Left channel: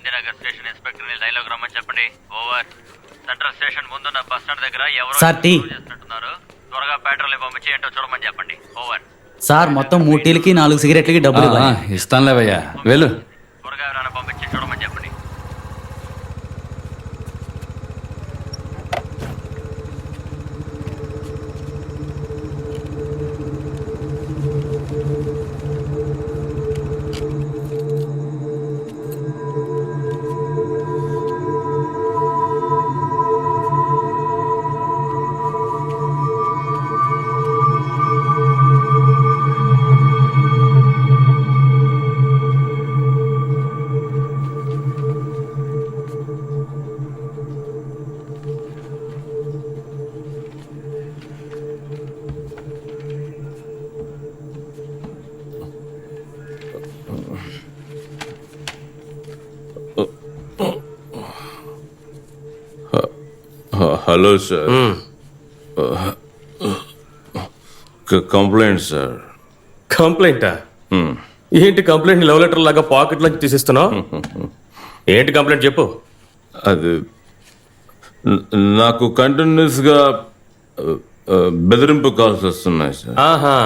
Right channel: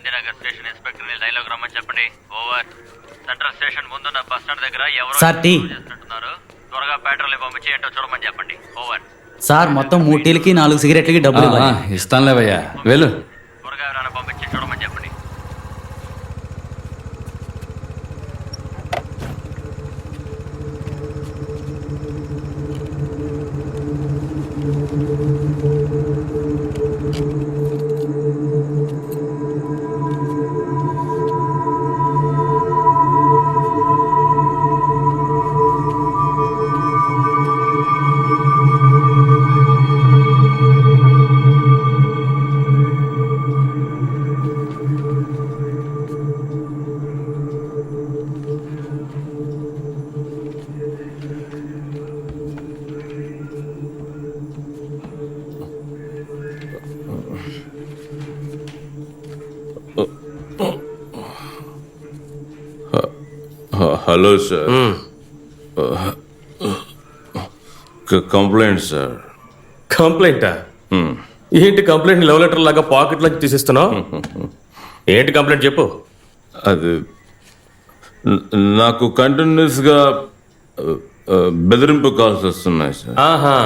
Gandhinagar station inspector ని line లోకి రమ్మని చెప్పండి. ఓవర్. సెంట్రల్ స్టేషన్ ముందున్న బస్ స్టాండ్ దగ్గర ఎవరో చేస్తున్నట్టున్నారు. త్వరగా పెట్రోల్ పంపించి ఏంటో చూడమని చెప్పండి. ఓవర్. సార్ మొత్తం 3 టీలకి 4 సిగరెట్లకి డబ్బులు ఇస్తానులేవయ్యా, వెళ్ళు. త్వరగా ఎవరైనా పంపించి చూడమని చెప్పండి. Hello sir. Complaint sir. కంప్లైంటా? ఏంటి కంప్లైంట్ లవ్ లెటర్ లాగా పాకెట్ లోంచి తీసిస్తున్నావు? ఏంటి కంప్లైంట్ చెప్పు. అది నాకు కంటిన్యూస్ గా బెదిరింపు కాల్స్ వస్తున్నాయి సార్. ఆహా,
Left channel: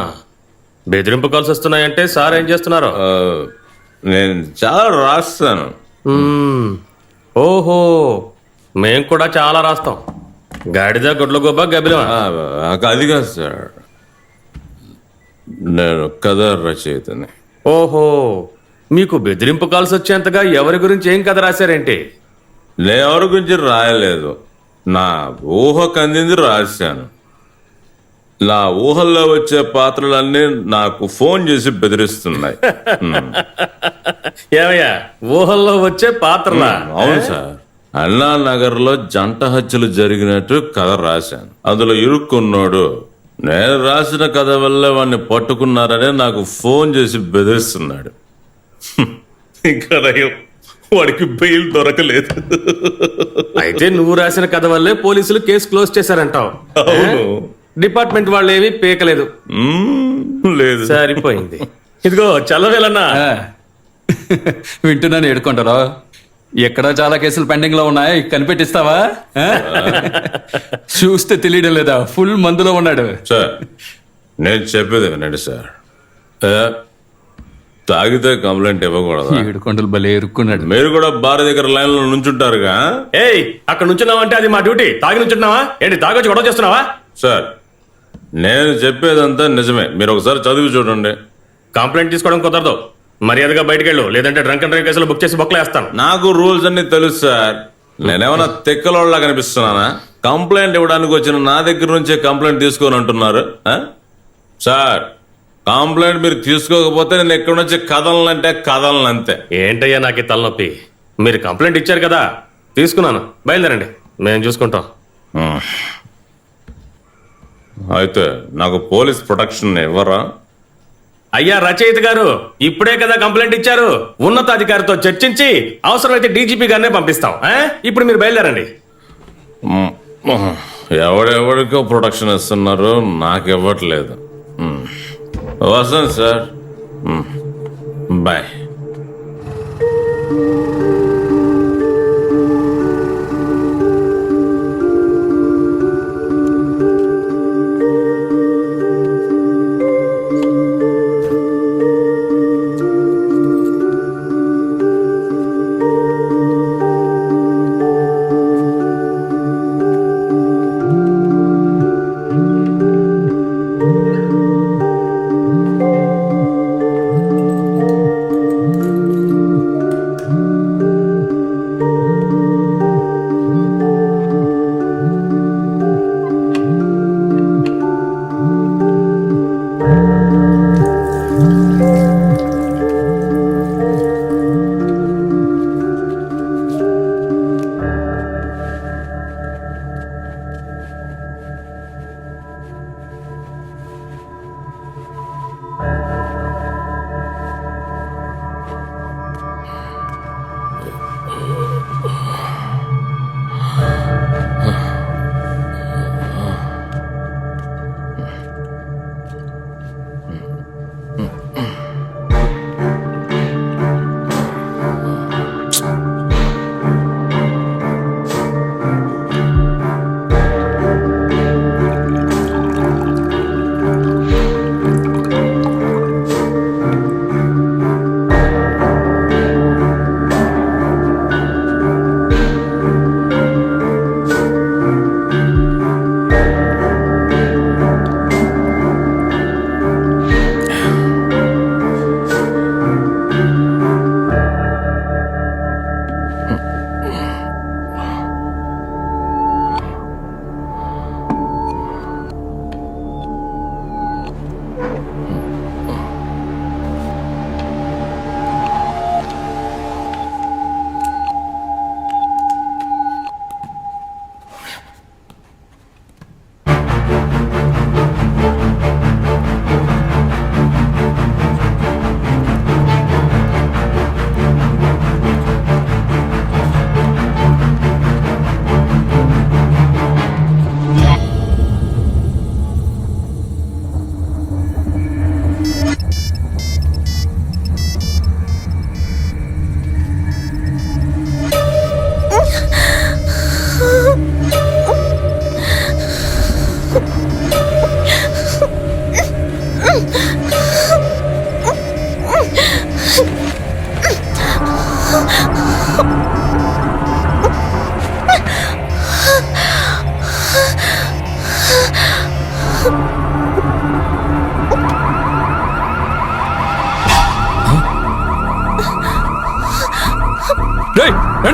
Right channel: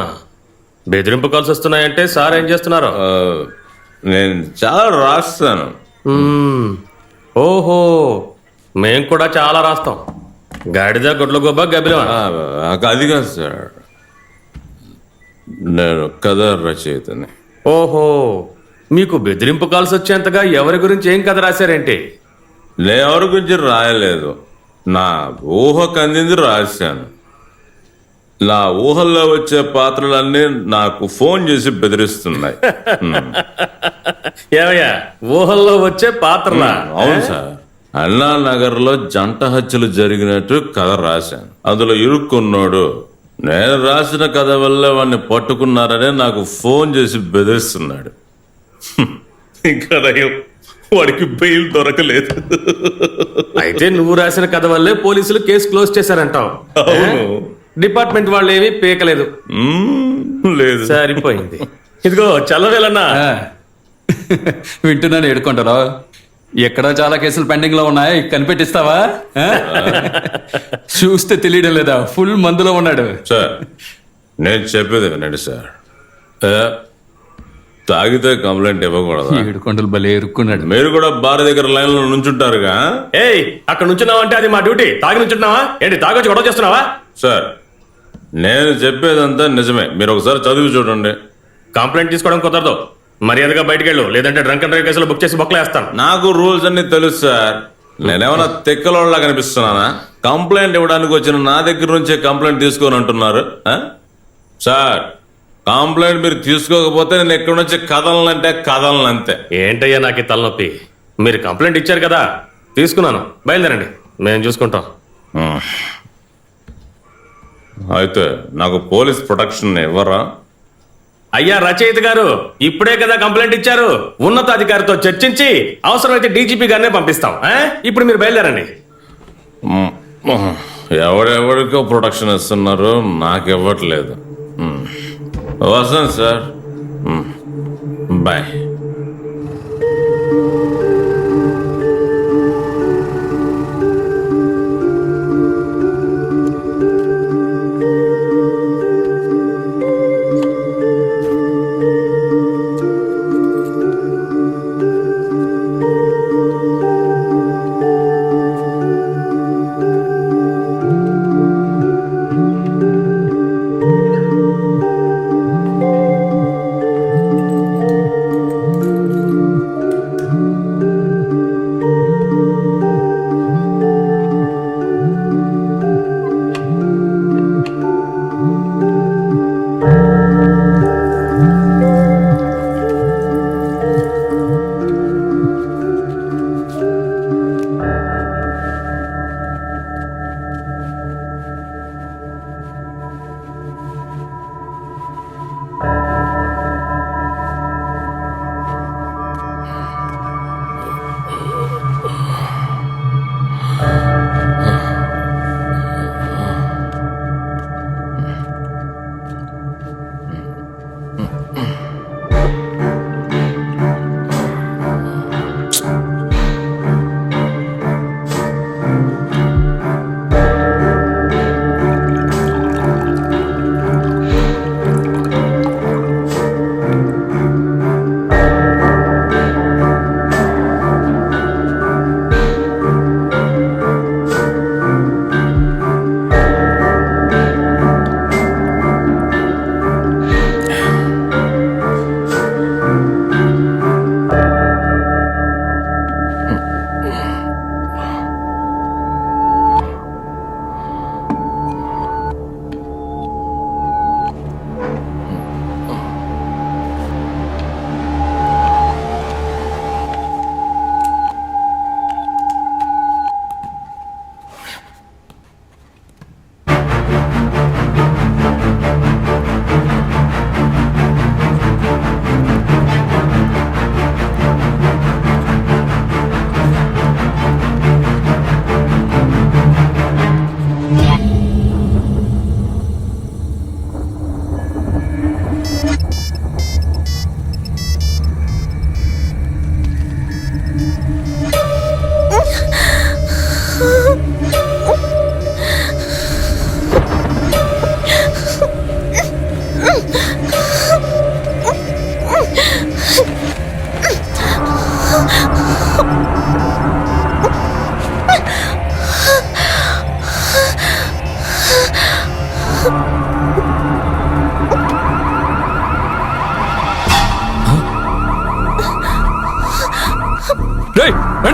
బెదిరింపు కాల్స్ వస్తున్నాయంటే సార్ ఏం చేస్తున్నారు? నేను చాలా రాస్తాను. ఓహో, మేం కూడా చాలా రాస్తాం. గాడిద గుడ్ల గొబ్బ గబిలమా? అది కాదు సార్, నేను కథ రచయితని. ఓహో, మీకు బెదిరింపు కాల్స్ వచ్చేంతగా ఎవరి గురించి ఏం కథ రాశారేంటి? నేను ఎవరి గురించి రాయలేదు, నా ఊహకు అందింది రాశాను. నా ఊహల్లో వచ్చే పాత్రలన్నీ నాకు ఫోన్ చేసి బెదిరిస్తున్నాయి. ఏమయ్యా, ఊహల్లో వచ్చే పాత్రలా? అవును సార్. అన్నానగర్ లో జంట హత్యలు జరిగినట్టు కథ రాశాను. అందులో ఇరుక్కున్నాడు. నేను రాసిన కథ వల్ల వాడిని పట్టుకున్నారని నాకు ఫోన్ చేసి బెదిరిస్తున్నాడు. ఇంకా వాడికి బెయిల్ దొరకలేదు. అయితే నువ్వు రాసిన కథ వల్లే పోలీసులు కేసు క్లోజ్ చేశారంటావు. అవును. డిపార్ట్మెంట్ వాళ్ళు ఏమీ పీకలేదు. లేదు. సరిపోయింది. ఇదిగో చల్లవేలన్నా. వింటున్నాను, ఏడుకుంటారా? ఎక్కడో చాలా కేసులు పెండింగ్ లో ఉన్నాయి, కనిపెట్టిస్తావా? చూస్తే తెలియడం లేదా, ఫుల్ మందులో ఉన్నాడు. సార్, నేను చెప్పేది వినండి సార్. తాగితే కంప్లైంట్ ఇవ్వకూడదు. ఏడుకొండలు భలే ఎరుక్కున్నాడు. మీరు కూడా బార్ దగ్గర లైన్ లో నుంచుంటారుగా. ఏయ్, అక్కడ నుంచున్నావంటే అది మా డ్యూటీ. తాగి నుంచుంటున్నావా ఏంటి? తాగొచ్చి గొడవ చేస్తున్నావా? సార్, నేను చెప్పేదంతా నిజమే. మీరు ఒకసారి చదివి చూడండి. కంప్లైంట్ తీసుకోవడం కుదరదు. మర్యాదగా బయటకు వెళ్ళు, లేదంటే డ్రంక్ అండ్ డ్రైవ్ కేసులో బుక్ చేసి బొక్కలేస్తాను. నాకు రూల్స్ అన్ని తెలుసు సార్. నేనేమన్నా తెక్కలోళ్ళ కనిపిస్తున్నానా? కంప్లైంట్ ఇవ్వడానికి వచ్చిన నా దగ్గర నుంచే కంప్లైంట్ తీసుకొని అంటున్నారు. సార్, కంప్లైంట్ మీరు తీసుకోకపోతే నేను ఎక్కడి నుంచి కదలనంటే కదలనంతే. ఏంటయ్యా నాకు ఈ తలనొప్పి? మీరు కంప్లైంట్ ఇచ్చారు కదా, తీసుకున్నాను. బయలుదేరండి, మేము చూసుకుంటాం. అయితే నాకు పోలీస్ ప్రొటెక్షన్ ఇవ్వరా? అయ్యా రచయిత గారు, ఇప్పుడే కదా కంప్లైంట్ ఇచ్చారు. ఉన్నతాధికారితో చర్చించి అవసరమైతే డీజీపీ గారినే పంపిస్తాం. ఇప్పుడు మీరు బయలుదేరండి. ఎవడెవడికో ప్రొటెక్షన్ ఇస్తున్నారు, నాకు ఇవ్వట్లేదు. వస్తాను సార్, బాయ్.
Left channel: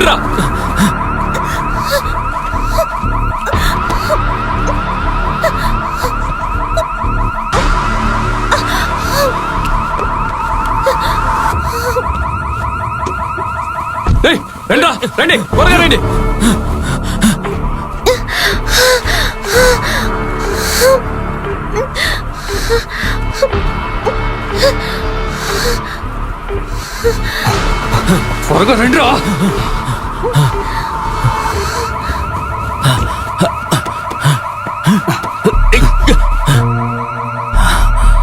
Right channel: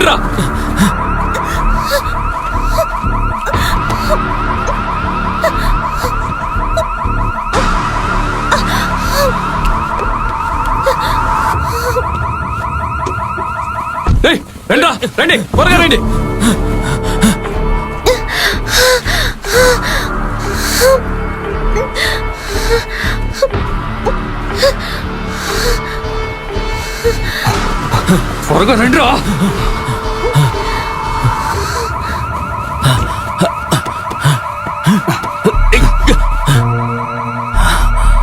రండిరా. ఏయ్, రండిరా, రండి, త్వరగా రండి. త్వరగా రండిరా.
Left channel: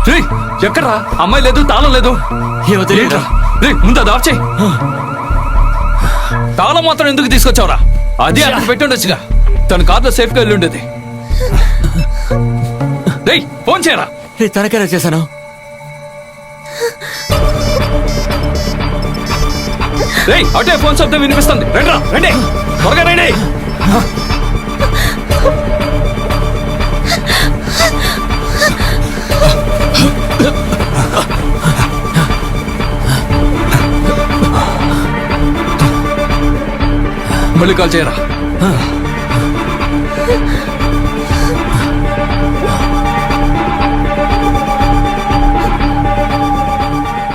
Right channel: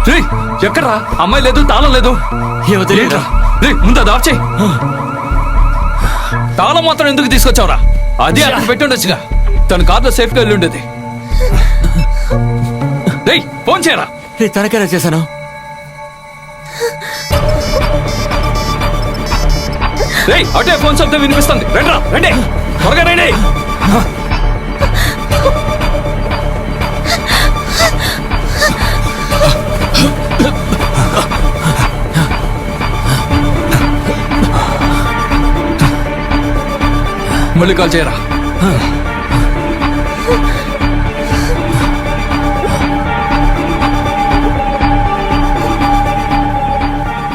రేయ్, ఎక్కడ్రా? అమ్మాయి లేదు, తాళం లేదు. ఏంట్రా? రేయ్, ముందు అది ఆఫ్ చేయి. తాళం మాత్రం ఎందుకు తీసుకొచ్చావురా? అదే అక్కడ పెట్టుండొచ్చుగా. తన కార్లో సేఫ్ గా వెళ్ళి ఉండేది. రేయ్, ఫోన్ చేయరా. తనకేనా చేశాను? రేయ్, అటే ఫోన్ శబ్దం వినిపిస్తుంది. రండిరా, రండి, త్వరగా రండి. మళ్ళీ కాల్ చేయరా.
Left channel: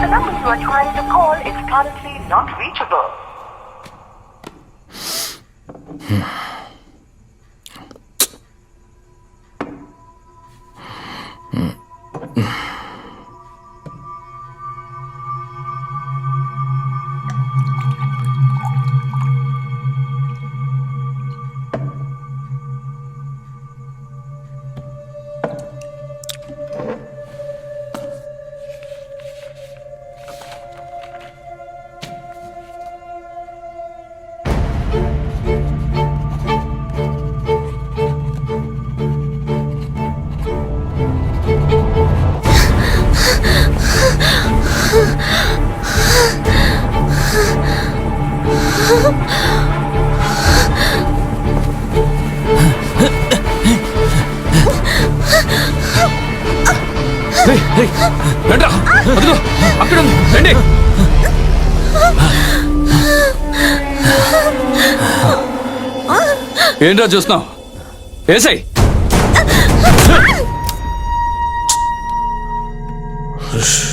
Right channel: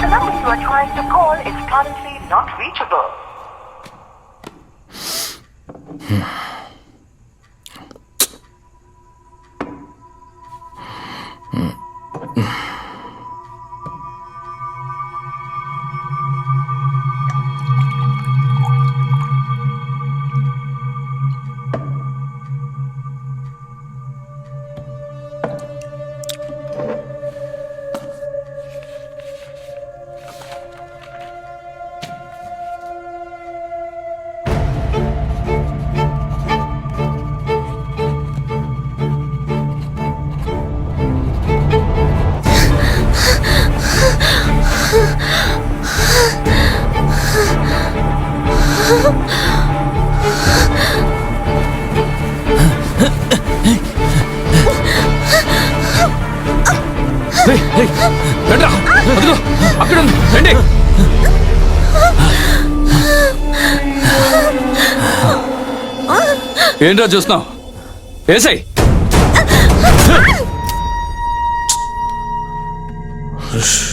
The number you are trying to call is currently not reachable. రండిరా, అదిగో అక్కడ ఉంది, రండి. ఏంట్రా చూస్తున్నావు? వేసాయి. Shh.